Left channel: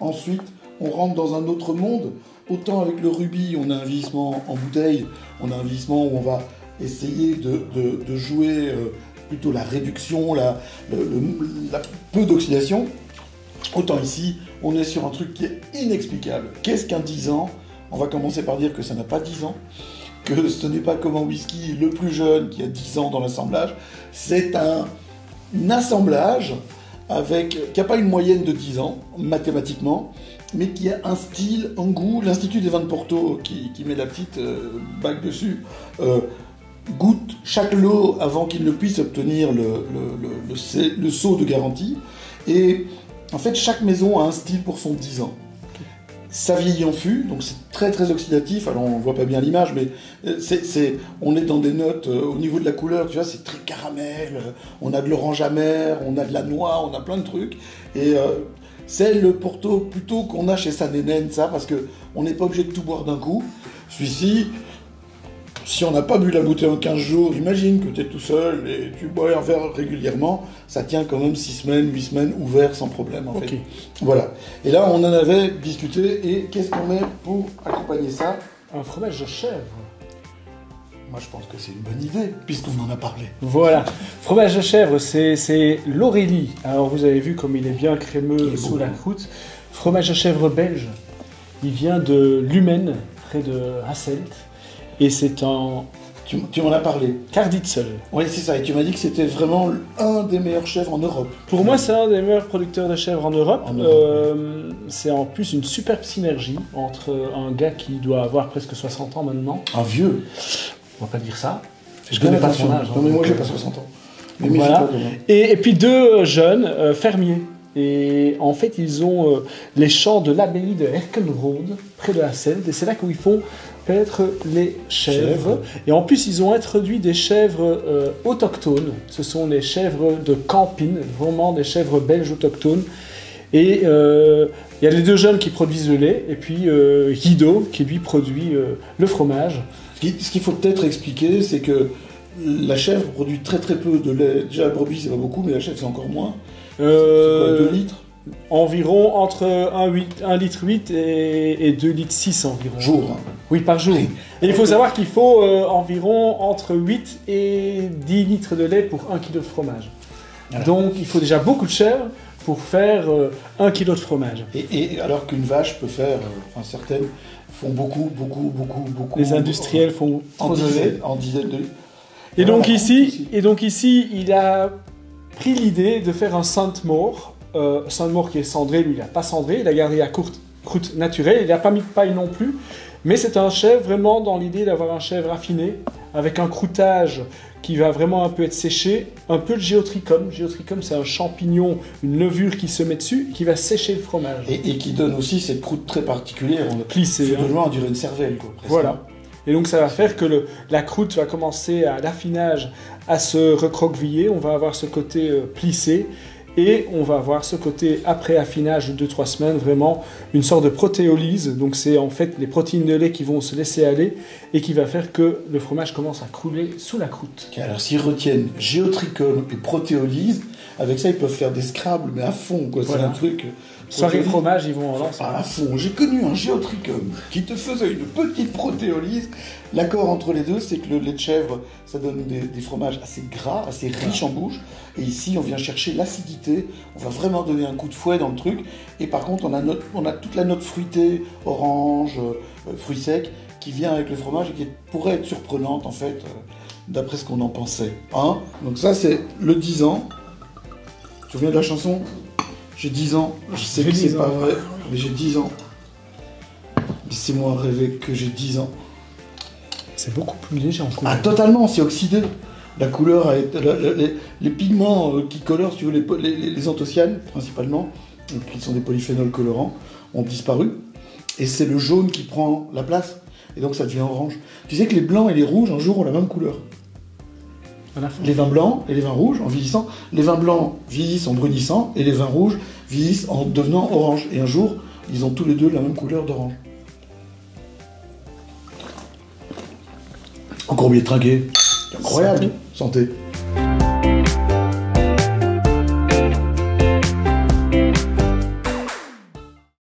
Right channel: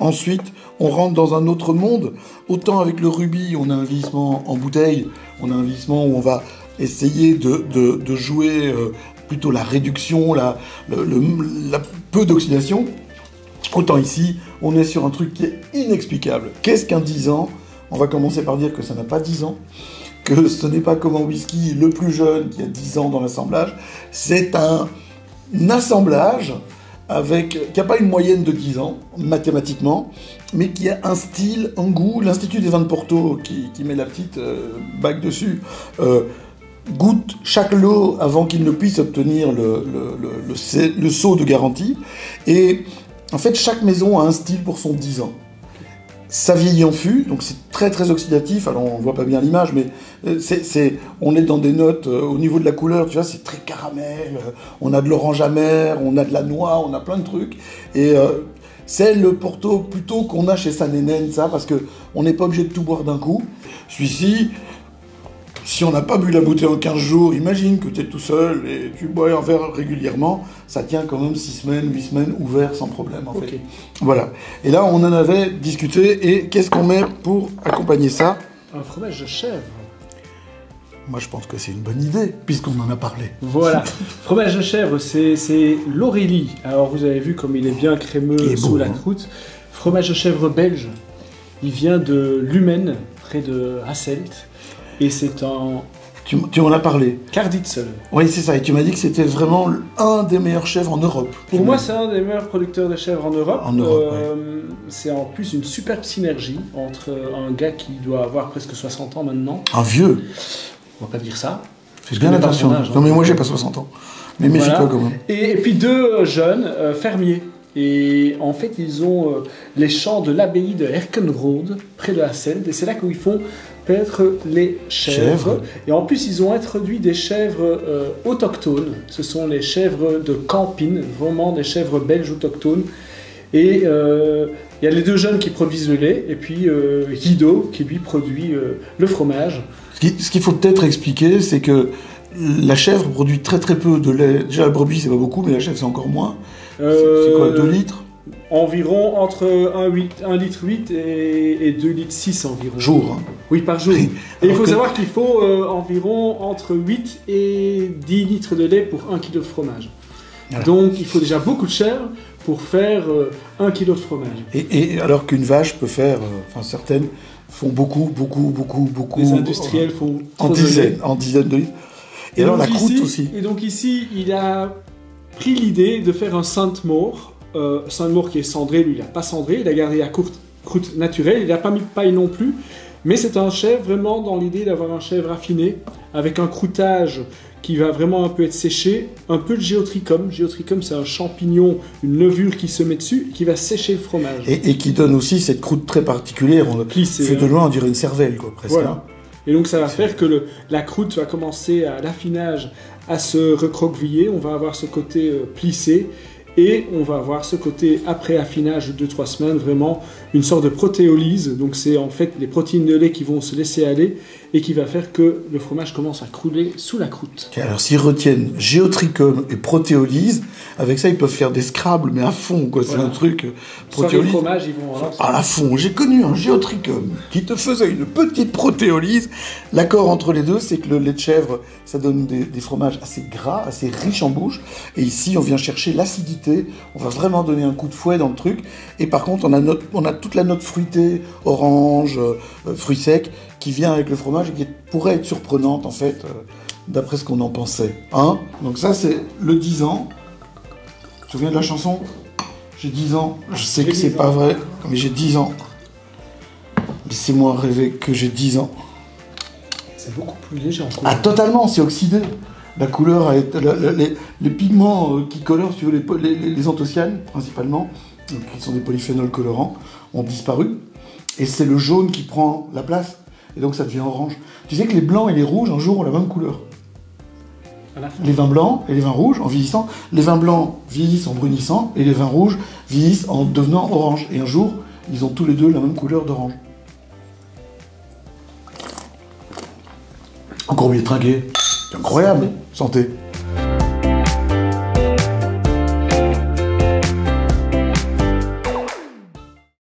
Ensuite, on rentre dans un autre monde. Autant avec le rubis, on a un vieillissement en bouteille, on a un vieillissement où on va essayer de jouer plutôt la réduction, la peu d'oxydation. Autant ici, on est sur un truc qui est inexplicable. Qu'est-ce qu'un 10 ans? On va commencer par dire que ça n'a pas 10 ans, que ce n'est pas comme un whisky le plus jeune qui a 10 ans dans l'assemblage. C'est un assemblage qui n'a pas une moyenne de 10 ans, mathématiquement, mais qui a un style, un goût. L'Institut des vins de Porto, qui met la petite bague dessus, goûte chaque lot avant qu'il ne puisse obtenir le sceau de garantie. Et en fait, chaque maison a un style pour son 10 ans. Ça vieillit en fût, donc c'est très très oxydatif. Alors on ne voit pas bien l'image, mais on est dans des notes au niveau de la couleur, tu vois, c'est très caramel. On a de l'orange amer, on a de la noix, on a plein de trucs. Et c'est le Porto plutôt qu'on a chez Saint-Nénène, ça, parce qu'on n'est pas obligé de tout boire d'un coup. Celui-ci, si on n'a pas bu la bouteille en 15 jours, imagine que tu es tout seul et tu bois un verre régulièrement, ça tient quand même 6 semaines, 8 semaines ouvert sans problème en fait. Voilà. Et là, on en avait discuté et qu'est-ce qu'on met pour accompagner ça? Un fromage de chèvre. Moi, je pense que c'est une bonne idée, puisqu'on en a parlé. Voilà. Fromage de chèvre, c'est l'Aurélie. Alors, vous avez vu comme il est bien crémeux sous la croûte. Fromage de chèvre belge. Il vient de Lummen, près de Hasselt. Et c'est un... Tu m'en as parlé. Karditzel. Oui, c'est ça. Et tu m'as dit que c'était vraiment un des meilleurs chèvres en Europe. Pour moi, c'est un des meilleurs producteurs de chèvres en Europe. C'est en plus une superbe synergie entre un gars qui doit avoir presque 60 ans maintenant. Un vieux. On va pas dire ça. Fais bien attention. Non, mais moi, j'ai pas 60 ans. Mais méfie-toi quand même. Et puis deux jeunes fermiers. Et en fait, ils ont les champs de l'abbaye de Herkenrode, près de Hasselt. Et c'est là où ils font paître les chèvres. Et en plus, ils ont introduit des chèvres autochtones. Ce sont les chèvres de Campine, vraiment des chèvres belges autochtones. Et il y a les deux jeunes qui produisent le lait. Et puis Guido, qui lui produit le fromage. Ce qu'il faut peut-être expliquer, c'est que la chèvre produit très très peu de lait. Déjà, la brebis, c'est pas beaucoup, mais la chèvre, c'est encore moins. C'est quoi, 2 litres? Environ entre 1 litre 8 et 2 litres 6 environ. Jour, hein. Oui, par jour. Et il faut savoir qu'il faut environ entre 8 et 10 litres de lait pour 1 kg de fromage. Voilà. Donc il faut déjà beaucoup de chèvre pour faire 1 kg de fromage. Et alors qu'une vache peut faire, certaines font beaucoup. Les industriels font trop de lait. En dizaines de litres. Et donc ici, il a pris l'idée de faire un Sainte-Maure. Sainte-Maure qui est cendré, lui il n'a pas cendré, il a gardé la croûte naturelle, il n'a pas mis de paille non plus, mais c'est un chèvre vraiment dans l'idée d'avoir un chèvre affiné, avec un croûtage qui va vraiment un peu être séché, un peu de géotrichum. Géotrichum, c'est un champignon, une levure qui se met dessus, qui va sécher le fromage. Et qui donne aussi cette croûte très particulière, plissée. De loin, on dirait une cervelle, quoi, presque. Voilà. Et donc ça va faire que la croûte va commencer à l'affinage à se recroqueviller, on va avoir ce côté plissé, et on va avoir ce côté, après affinage de 2-3 semaines, vraiment une sorte de protéolyse. Donc c'est en fait les protéines de lait qui vont se laisser aller et qui va faire que le fromage commence à crouler sous la croûte. Alors s'ils retiennent géotrichum et protéolyse, avec ça ils peuvent faire des scrabbles, mais à fond, quoi. C'est un truc... Sans le fromage, ils vont... À fond. J'ai connu un géotrichum qui te faisait une petite protéolyse. L'accord entre les deux, c'est que le lait de chèvre, ça donne des fromages assez gras, assez riches en bouche. Et ici, on vient chercher l'acidité. On va vraiment donner un coup de fouet dans le truc. Et par contre, on a toute la note fruitée, orange, fruits secs, qui vient avec le fromage et qui pourrait être surprenante, en fait, d'après ce qu'on en pensait. Hein? Donc ça, c'est le 10 ans. Tu te souviens de la chanson? J'ai 10 ans. Je sais que c'est pas vrai, mais j'ai 10 ans. Laissez-moi rêver que j'ai 10 ans. C'est beaucoup plus léger en couleur. Ah, totalement, c'est oxydé. La couleur, les pigments qui colorent, si tu veux, les anthocyanes, principalement, qui sont des polyphénols colorants, ont disparu. Et c'est le jaune qui prend la place. Et donc ça devient orange. Tu sais que les blancs et les rouges, un jour, ont la même couleur. Les vins blancs et les vins rouges, en vieillissant, les vins blancs vieillissent en brunissant, et les vins rouges vieillissent en devenant orange. Et un jour, ils ont tous les deux la même couleur d'orange. Encore bien trinqué. C'est incroyable. Santé.